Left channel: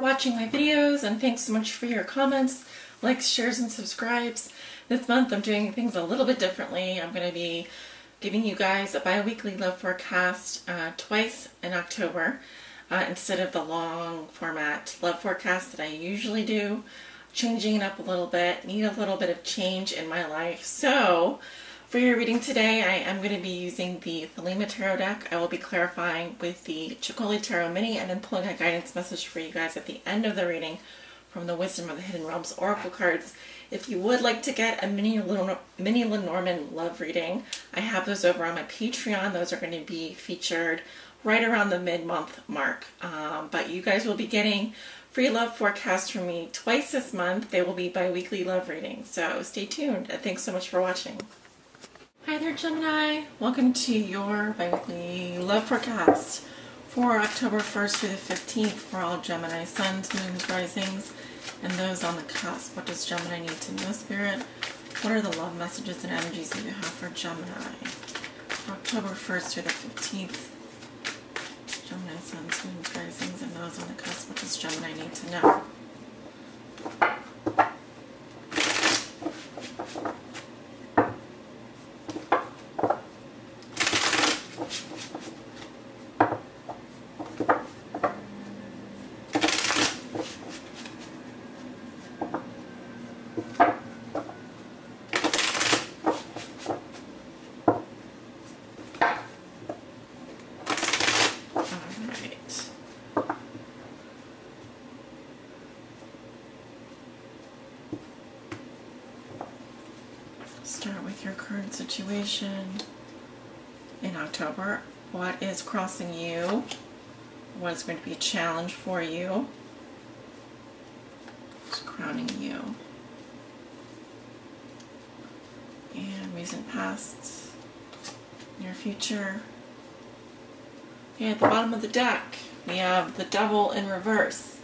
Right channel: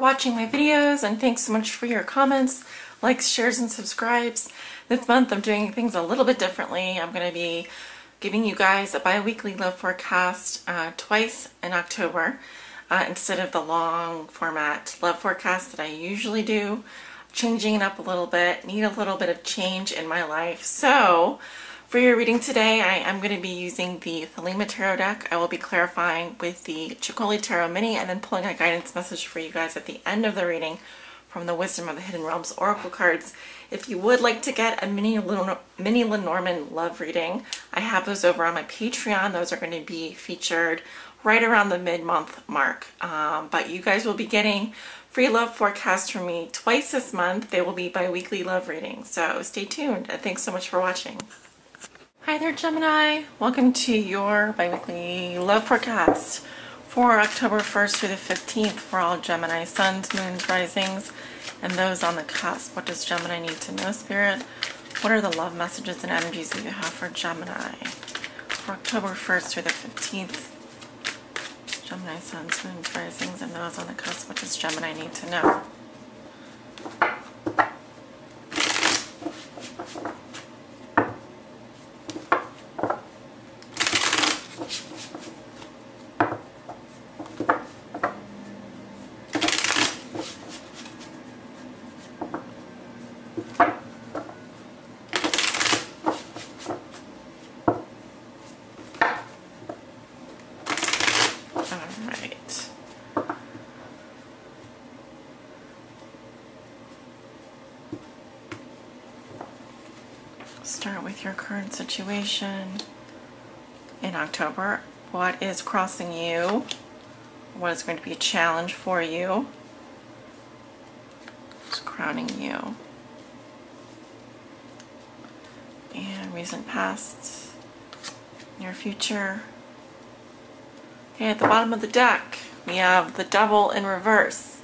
watching my videos, and thanks so much for your comments, likes, shares, and subscribes. This month I'm doing things a little bit differently. I'm going to be giving you guys a bi-weekly love forecast twice in October instead of the long format love forecast that I usually do. Changing it up a little bit, need a little bit of change in my life. So for your reading today, I am going to be using the Thelema Tarot deck. I will be clarifying with the Chicoli Tarot Mini and then pulling a guidance message for you guys at the end of the reading from the Wisdom of the Hidden Realms Oracle cards. If you would like to get a mini Lenormand love reading, I have those over on my Patreon. Those are going to be featured right around the mid-month mark. But you guys will be getting free love forecasts from me twice this month. They will be bi-weekly love readings. So stay tuned, and thanks so much for watching. Hi there, Gemini. Welcome to your bi-weekly love forecast for October 1st through the 15th for all Gemini suns, moons, risings, and those on the cusp. What does Gemini need to know, Spirit? What are the love messages and energies that you have for Gemini for October 1st through the 15th? Gemini suns, moons, risings, and those on the cusp. What does Gemini need to know? Start with your current situation in October. What is crossing you? What is going to be a challenge for you? What's crowning you? And recent past, near future. Okay, at the bottom of the deck, we have the Devil in reverse.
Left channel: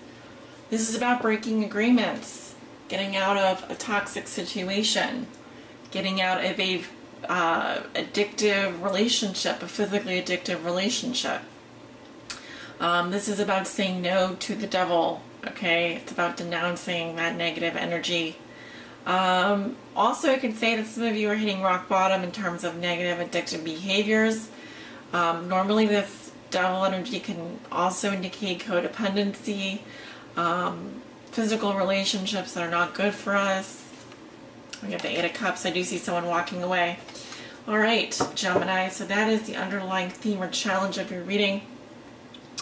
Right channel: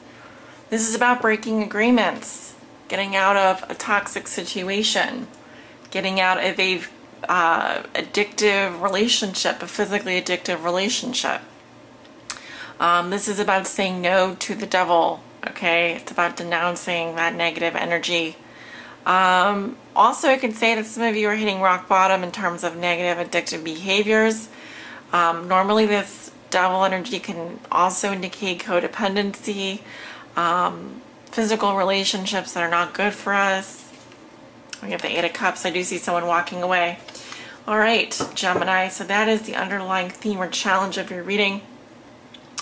This is about breaking agreements, getting out of a toxic situation, getting out of a addictive relationship, a physically addictive relationship. This is about saying no to the devil, okay? It's about denouncing that negative energy. Also, I can say that some of you are hitting rock bottom in terms of negative addictive behaviors. Normally this devil energy can also indicate codependency, physical relationships that are not good for us. We have the Eight of Cups. I do see someone walking away. All right, Gemini. So that is the underlying theme or challenge of your reading.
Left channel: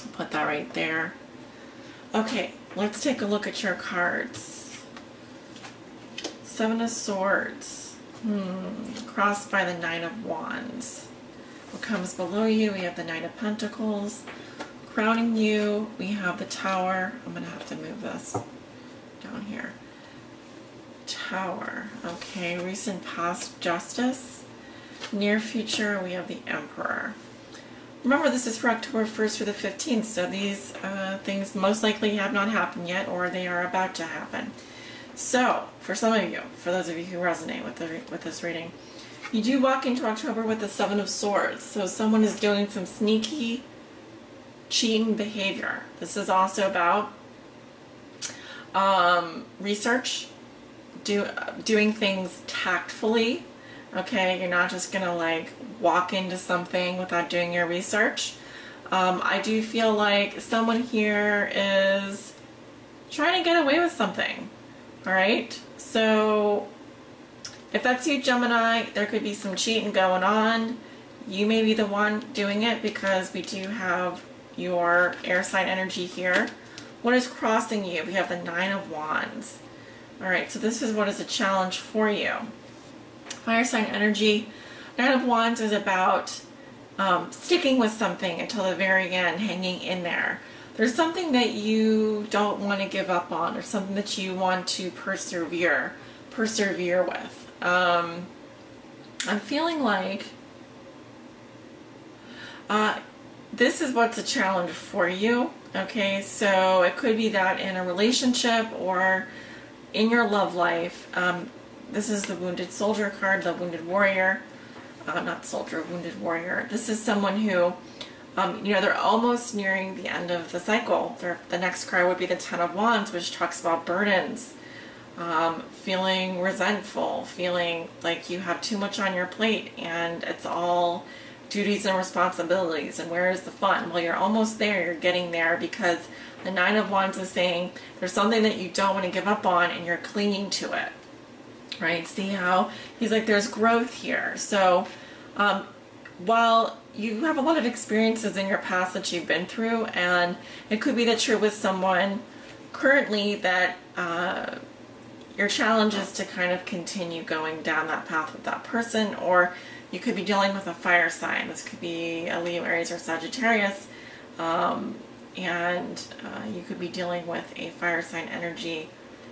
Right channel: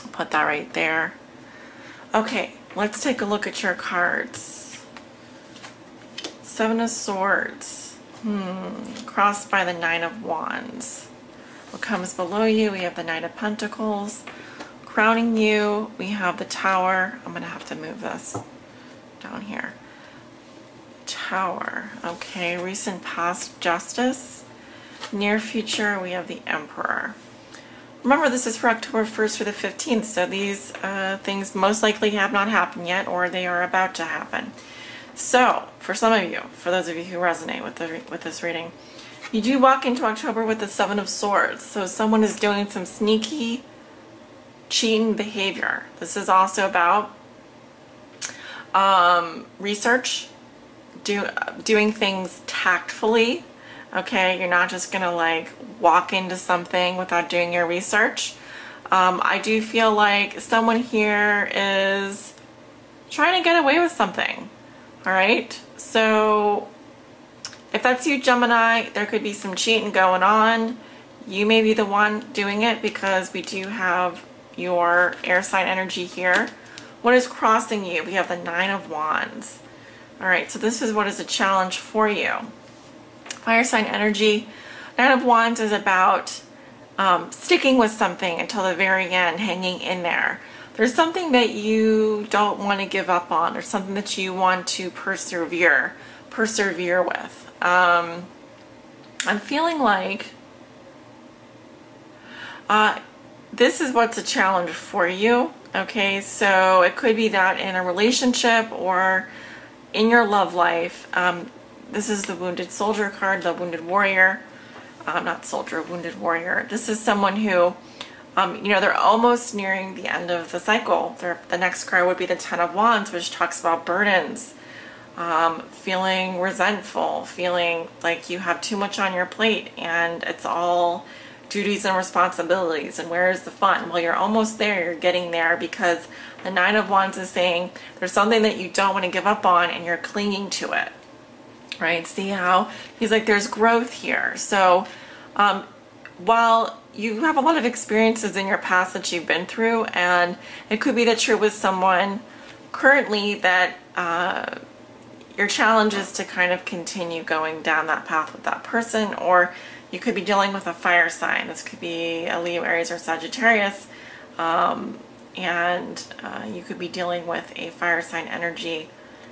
I'll put that right there. Okay, let's take a look at your cards. Seven of Swords. Crossed by the Nine of Wands. What comes below you? We have the Knight of Pentacles. Crowning you, we have the Tower. I'm going to have to move this down here. Tower. Okay, recent past, Justice. Near future, we have the Emperor. Remember, this is for October 1st through the 15th, so these things most likely have not happened yet, or they are about to happen. So, for some of you, for those of you who resonate with this reading, you do walk into October with the Seven of Swords. So someone is doing some sneaky, cheating behavior. This is also about research, doing things tactfully. Okay, you're not just gonna like walk into something without doing your research. I do feel like someone here is trying to get away with something. All right, so if that's you, Gemini, there could be some cheating going on. You may be the one doing it because we do have your air sign energy here. What is crossing you? We have the Nine of Wands. All right, so this is what is a challenge for you. Fire sign energy. Nine of Wands is about sticking with something until the very end, hanging in there. There's something that you don't want to give up on, or something that you want to persevere with. I'm feeling like this is what's a challenge for you. Okay, so it could be that in a relationship or in your love life. This is the Wounded Soldier card, the Wounded Warrior. Not soldier, Wounded Warrior. This is someone who You know, they're almost nearing the end of the cycle. The next card would be the Ten of Wands, which talks about burdens, feeling resentful, feeling like you have too much on your plate and it's all duties and responsibilities, and where is the fun? Well, you're almost there, you're getting there, because the Nine of Wands is saying there's something that you don't want to give up on and you're clinging to it, right? See how he's like, there's growth here. So while you have a lot of experiences in your past that you've been through, and it could be that you're with someone currently that your challenge is to kind of continue going down that path with that person, or you could be dealing with a fire sign. This could be a Leo, Aries, or Sagittarius, and you could be dealing with a fire sign energy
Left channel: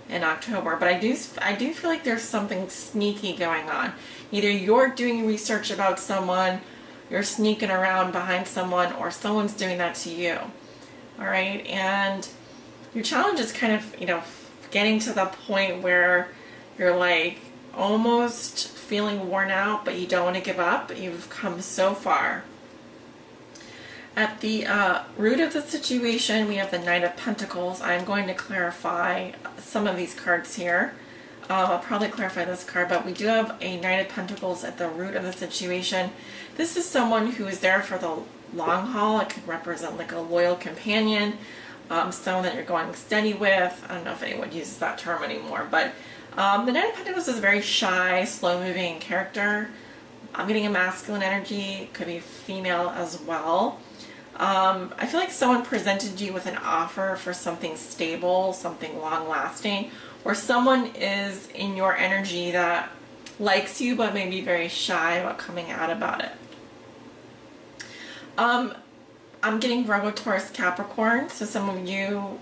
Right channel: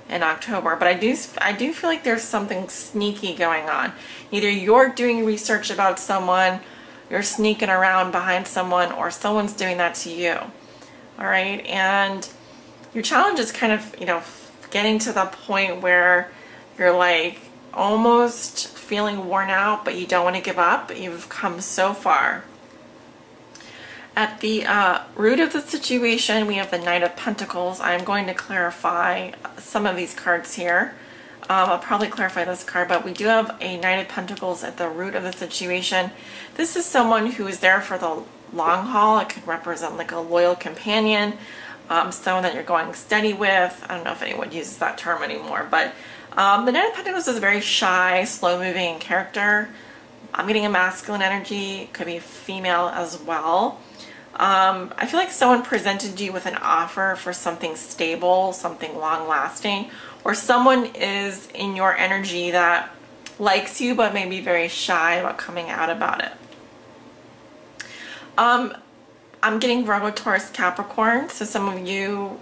in October. But I do feel like there's something sneaky going on. Either you're doing research about someone, you're sneaking around behind someone, or someone's doing that to you. All right, and your challenge is kind of, you know, getting to the point where you're like almost feeling worn out, but you don't want to give up. You've come so far. At the root of the situation, we have the Knight of Pentacles. I'm going to clarify some of these cards here. I'll probably clarify this card, but we do have a Knight of Pentacles at the root of the situation. This is someone who is there for the long haul. It could represent like a loyal companion, someone that you're going steady with. I don't know if anyone uses that term anymore, but the Knight of Pentacles is a very shy, slow-moving character. I'm getting a masculine energy, could be female as well. I feel like someone presented you with an offer for something stable, something long-lasting, or someone is in your energy that likes you but may be very shy about coming out about it. I'm getting Virgo, Taurus, Capricorn, so some of you,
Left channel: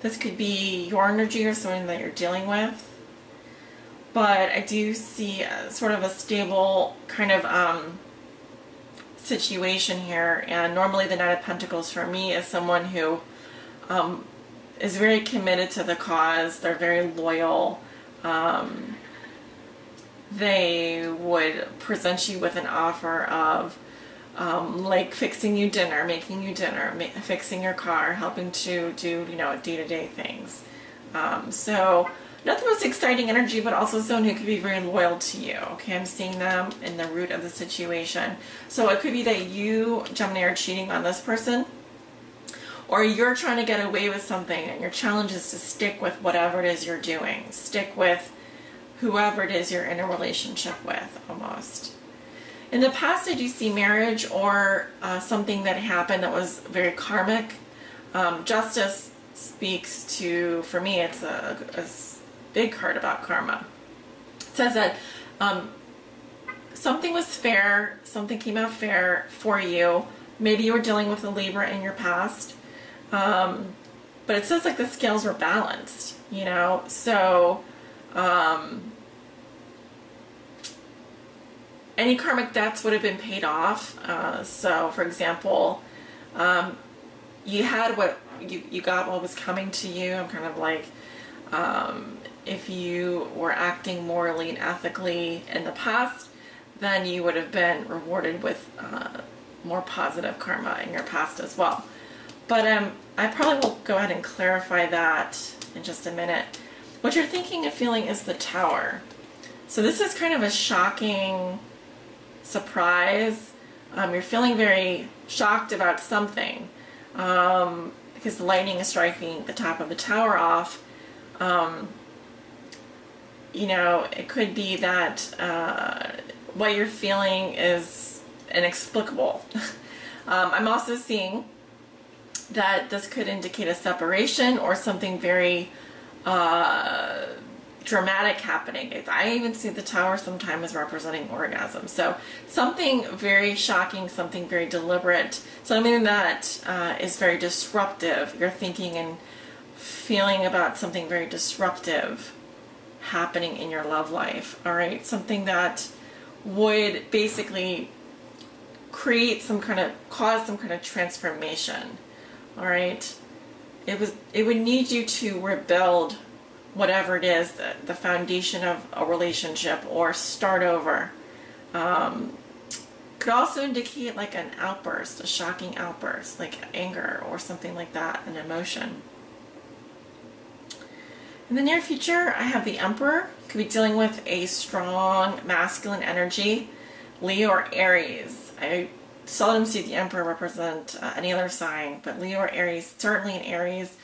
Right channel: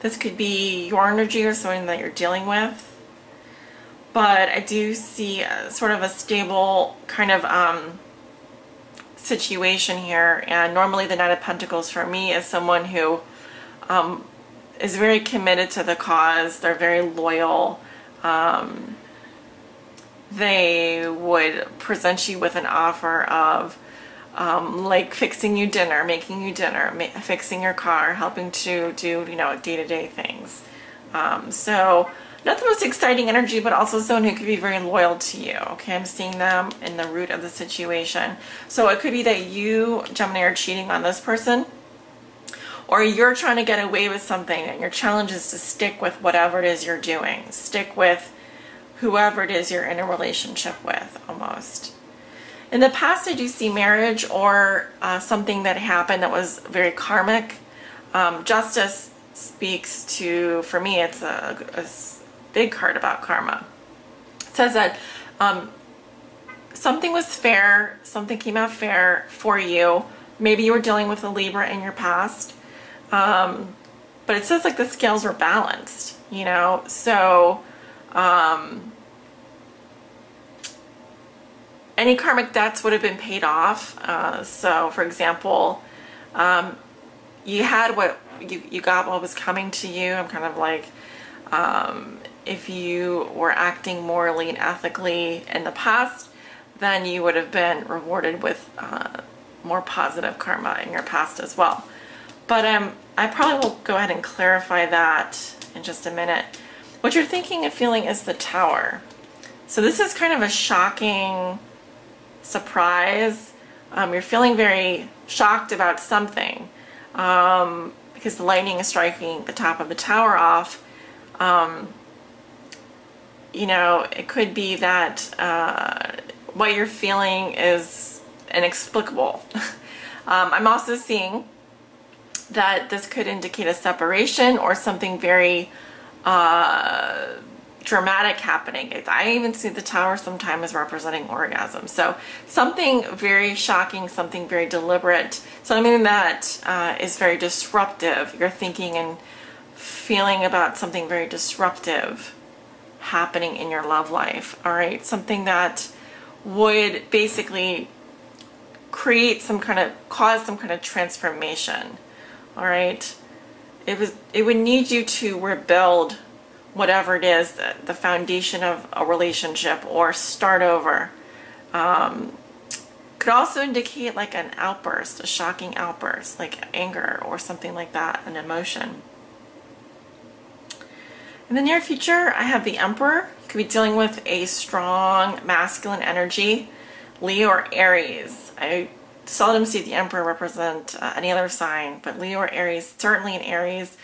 this could be your energy or someone that you're dealing with. But I do see sort of a stable kind of situation here, and normally the Knight of Pentacles for me is someone who is very committed to the cause. They're very loyal. They would present you with an offer of like fixing you dinner, making you dinner, fixing your car, helping to do, you know, day-to-day things. So not the most exciting energy, but also someone who could be very loyal to you. Okay, I'm seeing them in the root of the situation. So it could be that you, Gemini, are cheating on this person, or you're trying to get away with something, and your challenge is to stick with whatever it is you're doing. Stick with whoever it is you're in a relationship with, almost. In the past, I do see marriage or something that happened that was very karmic. Justice speaks to, for me, it's a big card about karma. It says that something was fair, something came out fair for you. Maybe you were dealing with a Libra in your past. But it says like the scales were balanced, you know, so any karmic debts would have been paid off. So for example, you had what you got what was coming to you. I'm kind of like, if you were acting morally and ethically in the past, then you would have been rewarded with more positive karma in your past as well. But I probably will go ahead and clarify that in just a minute. What you're thinking and feeling is the Tower. So this is kind of a shocking surprise. You're feeling very shocked about something because the lightning is striking the top of the tower off. You know, it could be that what you're feeling is inexplicable. I'm also seeing that this could indicate a separation or something very dramatic happening. I even see the Tower sometimes representing orgasm. So something very shocking, something very deliberate, something that is very disruptive. You're thinking and feeling about something very disruptive happening in your love life. All right, something that would basically create some kind of, cause some kind of transformation. All right, it would need you to rebuild whatever it is, the foundation of a relationship, or start over. Could also indicate like an outburst, a shocking outburst, like anger or something like that, an emotion. In the near future, I have the Emperor. Could be dealing with a strong masculine energy, Leo or Aries. I seldom see the Emperor represent any other sign, but Leo or Aries, certainly in Aries.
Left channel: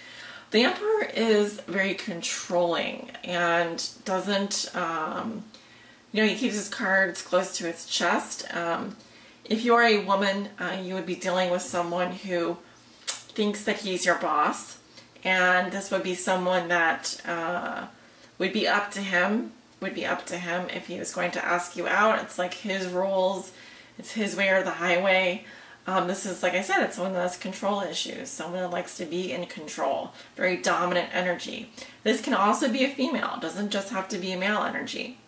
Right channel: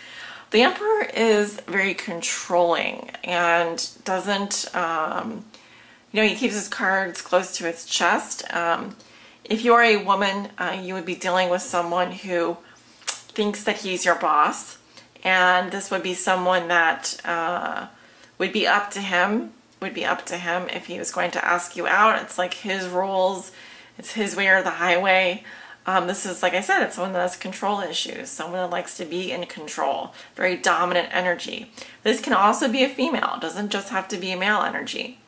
The Emperor is very controlling and doesn't, he keeps his cards close to his chest. If you are a woman, you would be dealing with someone who thinks that he's your boss, and this would be someone that would be up to him if he was going to ask you out. It's like his rules, it's his way or the highway. This is, like I said, it's someone that has control issues, someone that likes to be in control, very dominant energy. This can also be a female, it doesn't just have to be a male energy.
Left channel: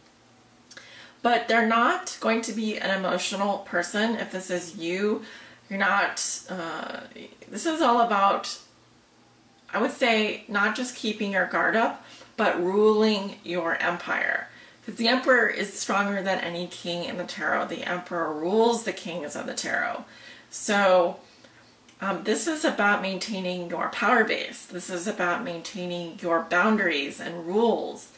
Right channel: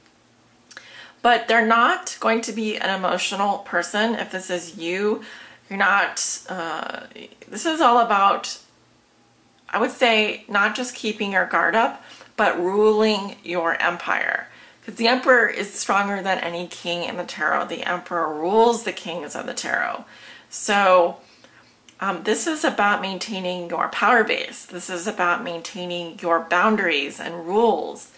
But they're not going to be an emotional person. If this is you, you're not, this is all about, I would say, not just keeping your guard up, but ruling your empire. Because the Emperor is stronger than any king in the tarot. The Emperor rules the kings of the tarot. So this is about maintaining your power base. This is about maintaining your boundaries and rules.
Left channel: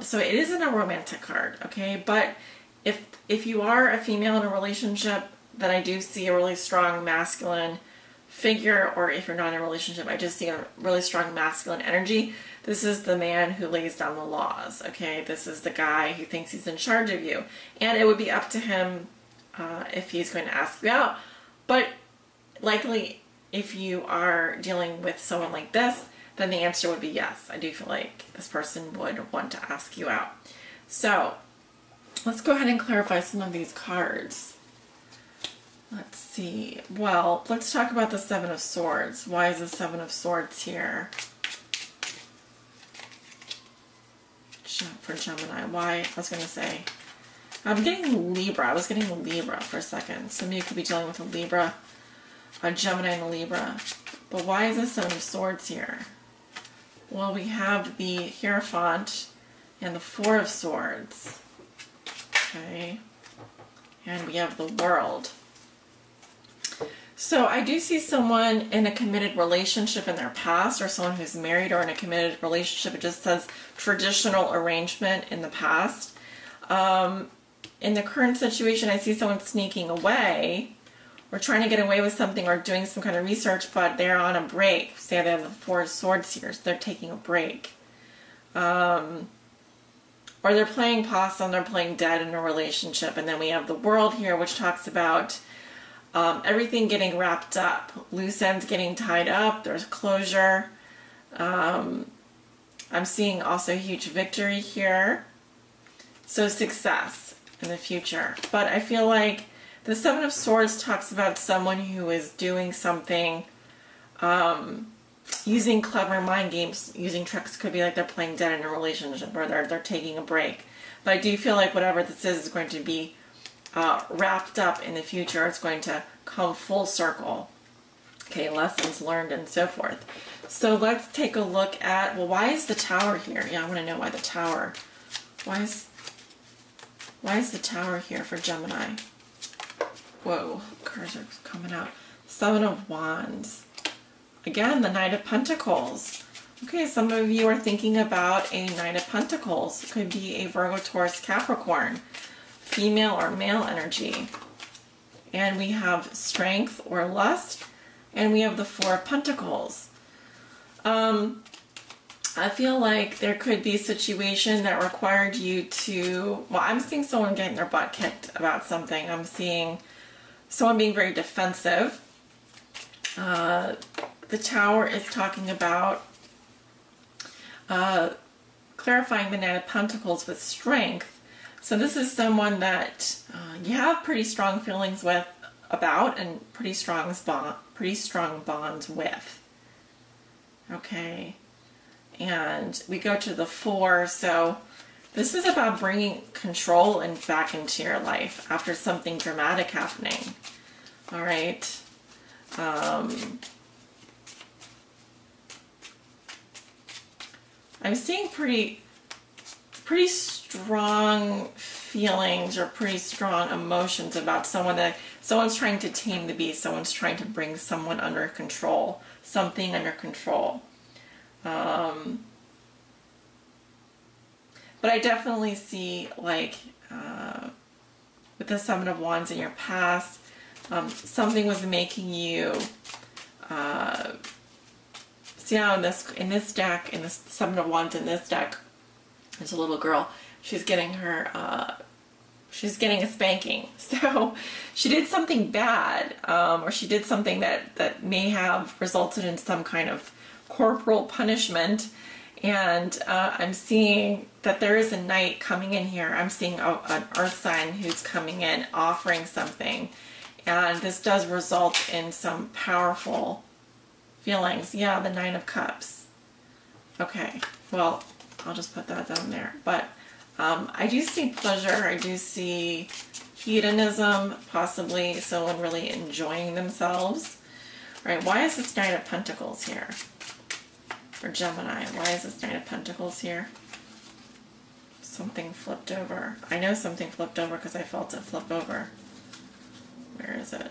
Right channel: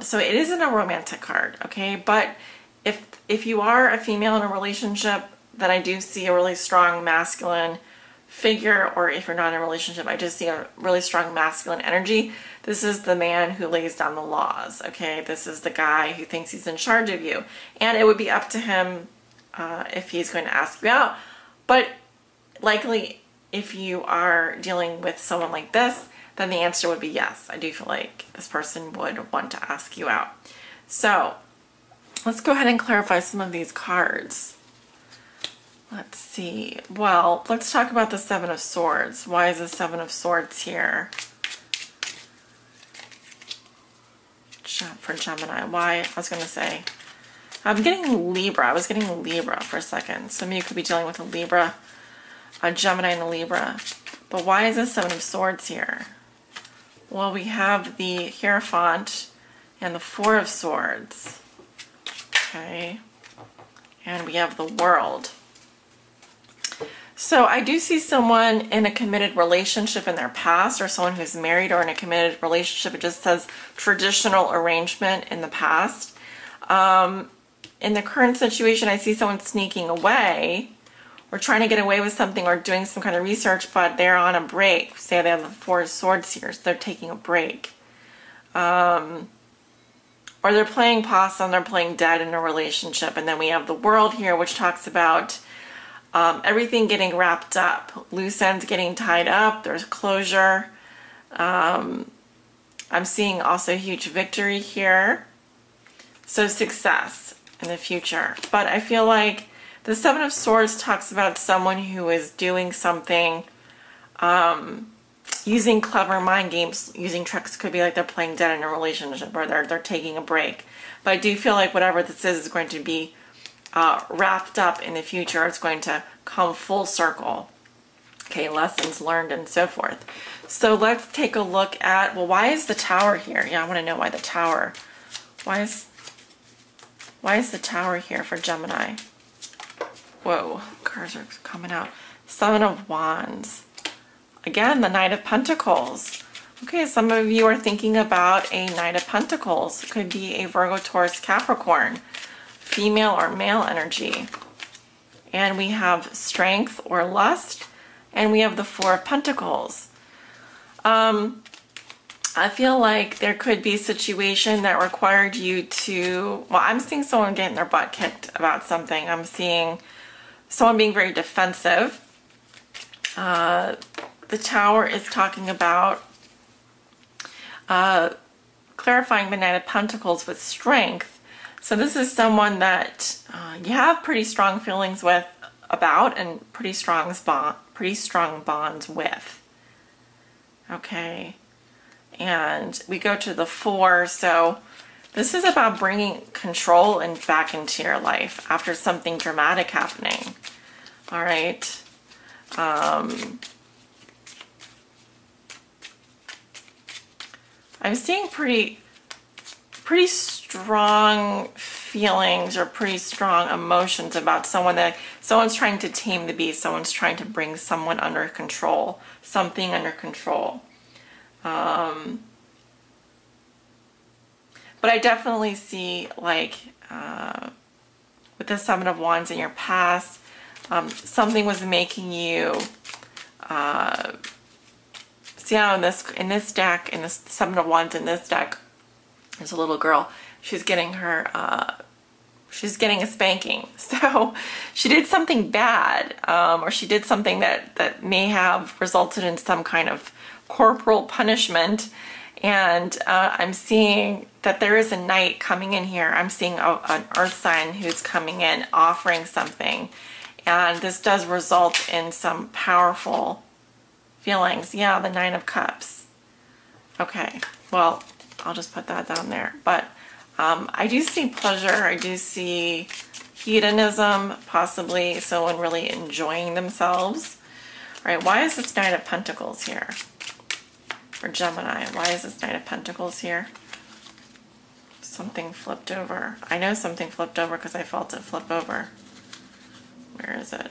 So it isn't a romantic card, okay? But if you are a female in a relationship, then I do see a really strong masculine figure, or if you're not in a relationship, I just see a really strong masculine energy. This is the man who lays down the laws, okay? This is the guy who thinks he's in charge of you. And it would be up to him if he's going to ask you out. But likely, if you are dealing with someone like this, then the answer would be yes. I do feel like this person would want to ask you out. So let's go ahead and clarify some of these cards. Let's see. Well, let's talk about the Seven of Swords. Why is the Seven of Swords here for Gemini? Why? I was going to say, I'm getting Libra. I was getting Libra for a second. Some of you could be dealing with a Libra, a Gemini and a Libra. But why is the Seven of Swords here? Well, we have the Hierophant and the Four of Swords. Okay. And we have the World. So I do see someone in a committed relationship in their past, or someone who's married or in a committed relationship. It just says traditional arrangement in the past. In the current situation, I see someone sneaking away or trying to get away with something or doing some kind of research, but they're on a break. Say they have the Four of Swords here, so they're taking a break. Or they're playing possum, they're playing dead in a relationship. And then we have the World here, which talks about everything getting wrapped up. Loose ends getting tied up, there's closure. I'm seeing also a huge victory here. So success in the future. But I feel like the Seven of Swords talks about someone who is doing something, using clever mind games, using tricks. Could be like they're playing dead in a relationship, or they're taking a break. But I do feel like whatever this is going to be wrapped up in the future. It's going to come full circle. Okay, lessons learned and so forth. So let's take a look at, well, why is the Tower here? Yeah, I want to know why the Tower. Why is the Tower here for Gemini? Whoa, cards are coming out. Seven of Wands. Again, the Knight of Pentacles. Okay, some of you are thinking about a Knight of Pentacles. It could be a Virgo, Taurus, Capricorn. Female or male energy. And we have Strength or Lust. And we have the Four of Pentacles. I feel like there could be a situation that required you to, well, I'm seeing someone getting their butt kicked about something. I'm seeing someone being very defensive. The Tower is talking about clarifying the Knight of Pentacles with Strength. So this is someone that you have pretty strong feelings with, about, and pretty strong bonds with. Okay. And we go to the Four, so this is about bringing control and back into your life after something dramatic happening. All right. I'm seeing pretty strong feelings or pretty strong emotions about someone's trying to tame the beast, someone's trying to bring someone under control, something under control. But I definitely see, like, with the Seven of Wands in your past, something was making you, see how in this deck, in this Seven of Wands in this deck, there's a little girl. She's getting a spanking. So she did something bad, or she did something that may have resulted in some kind of corporal punishment. And I'm seeing that there is a knight coming in here. I'm seeing an earth sign who's coming in offering something. And this does result in some powerful feelings. Yeah, the Nine of Cups. Okay, well, I'll just put that down there. But I do see pleasure. I do see hedonism, possibly someone really enjoying themselves. All right, why is this Knight of Pentacles here? For Gemini, why is this Knight of Pentacles here? Something flipped over. I know something flipped over because I felt it flip over. Where is it?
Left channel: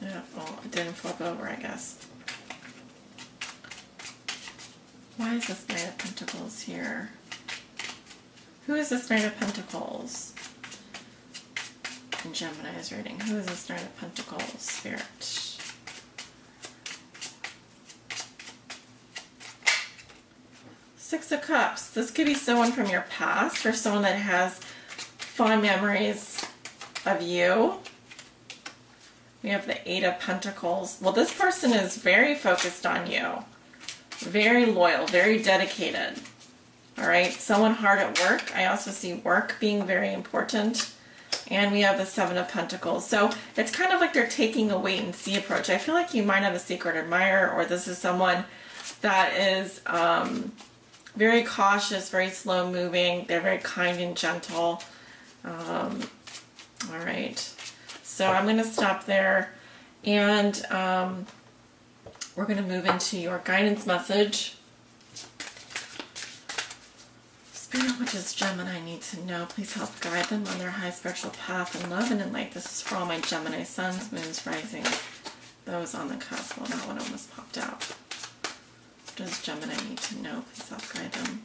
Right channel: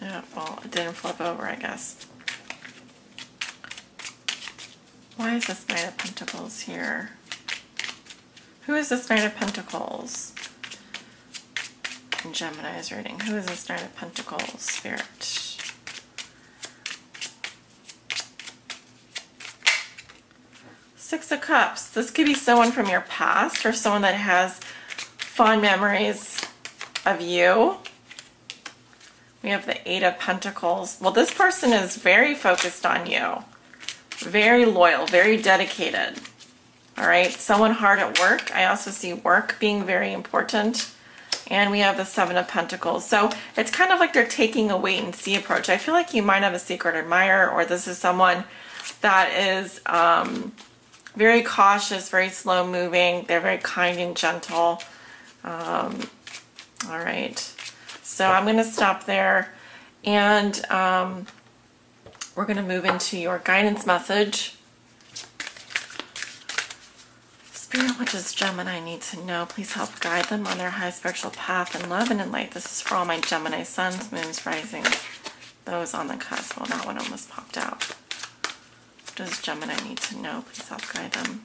Yeah, well, it didn't flip over, I guess. Why is this Knight of Pentacles here? Who is this Knight of Pentacles? In Gemini's reading. Who is this Knight of Pentacles, Spirit? Six of Cups. This could be someone from your past or someone that has fond memories of you. We have the Eight of Pentacles. Well, this person is very focused on you. Very loyal, very dedicated. All right, someone hard at work. I also see work being very important. And we have the Seven of Pentacles. So it's kind of like they're taking a wait and see approach. I feel like you might have a secret admirer, or this is someone that is very cautious, very slow moving. They're very kind and gentle. All right. So I'm going to stop there. And we're going to move into your guidance message. Spirit, what does Gemini need to know? Please help guide them on their high spiritual path in love and in light. This is for all my Gemini suns, moons, rising, those on the cusp. Well, that one almost popped out. What does Gemini need to know? Please help guide them.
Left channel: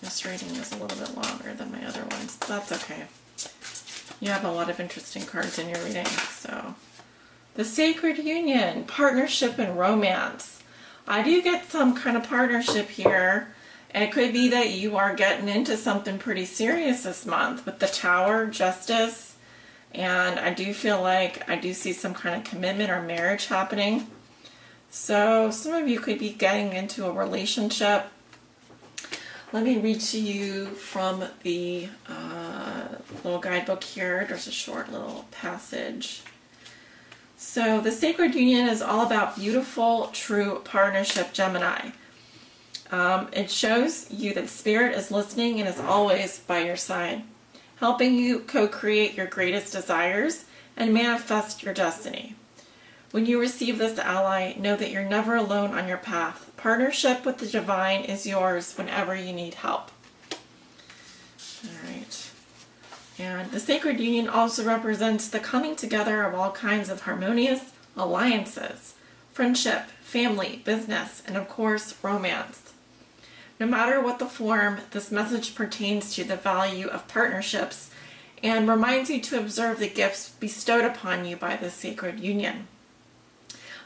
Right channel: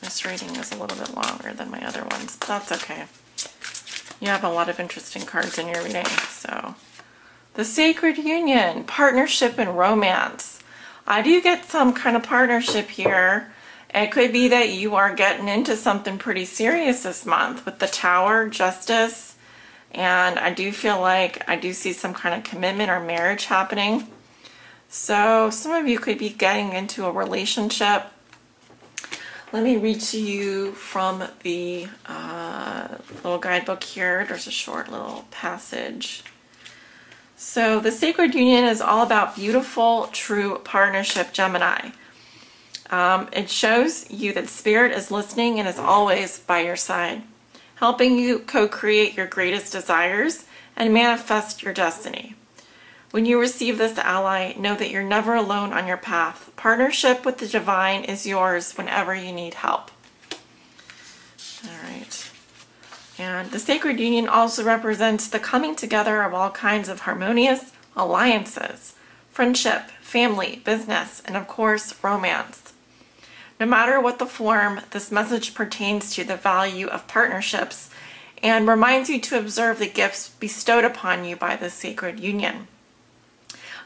This reading is a little bit longer than my other ones, but that's okay. You have a lot of interesting cards in your reading, so... The Sacred Union, partnership and romance. I do get some kind of partnership here. It could be that you are getting into something pretty serious this month with the Tower, Justice, and I do feel like I do see some kind of commitment or marriage happening. So some of you could be getting into a relationship. Let me read to you from the little guidebook here. There's a short little passage. So the Sacred Union is all about beautiful, true partnership, Gemini. It shows you that Spirit is listening and is always by your side, helping you co-create your greatest desires and manifest your destiny. When you receive this ally, know that you're never alone on your path. Partnership with the divine is yours whenever you need help. All right. And the Sacred Union also represents the coming together of all kinds of harmonious alliances, friendship, family, business, and of course, romance. No matter what the form, this message pertains to the value of partnerships and reminds you to observe the gifts bestowed upon you by the Sacred Union.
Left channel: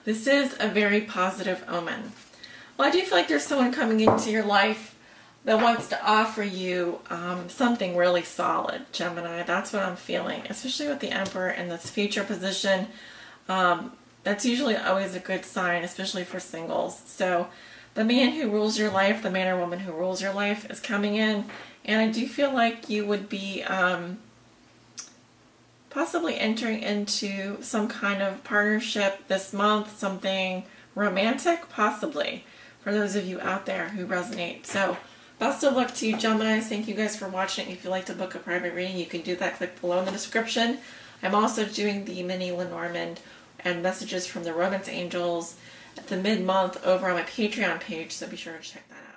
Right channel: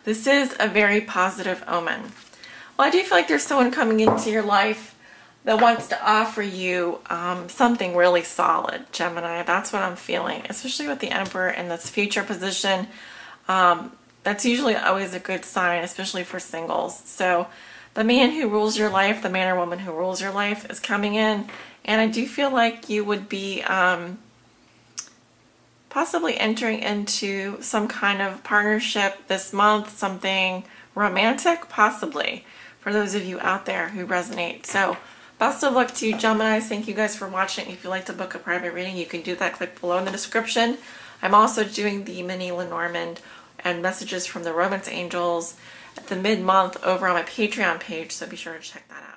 This is a very positive omen. Well, I do feel like there's someone coming into your life that wants to offer you something really solid, Gemini. That's what I'm feeling, especially with the Emperor in this future position. That's usually always a good sign, especially for singles. So the man who rules your life, the man or woman who rules your life is coming in. And I do feel like you would be possibly entering into some kind of partnership this month, something romantic, possibly, for those of you out there who resonate. So best of luck to you, Gemini. Thank you guys for watching. If you'd like to book a private reading, you can do that. Click below in the description. I'm also doing the mini Lenormand and messages from the Romance Angels at the mid-month over on my Patreon page, so be sure to check that out.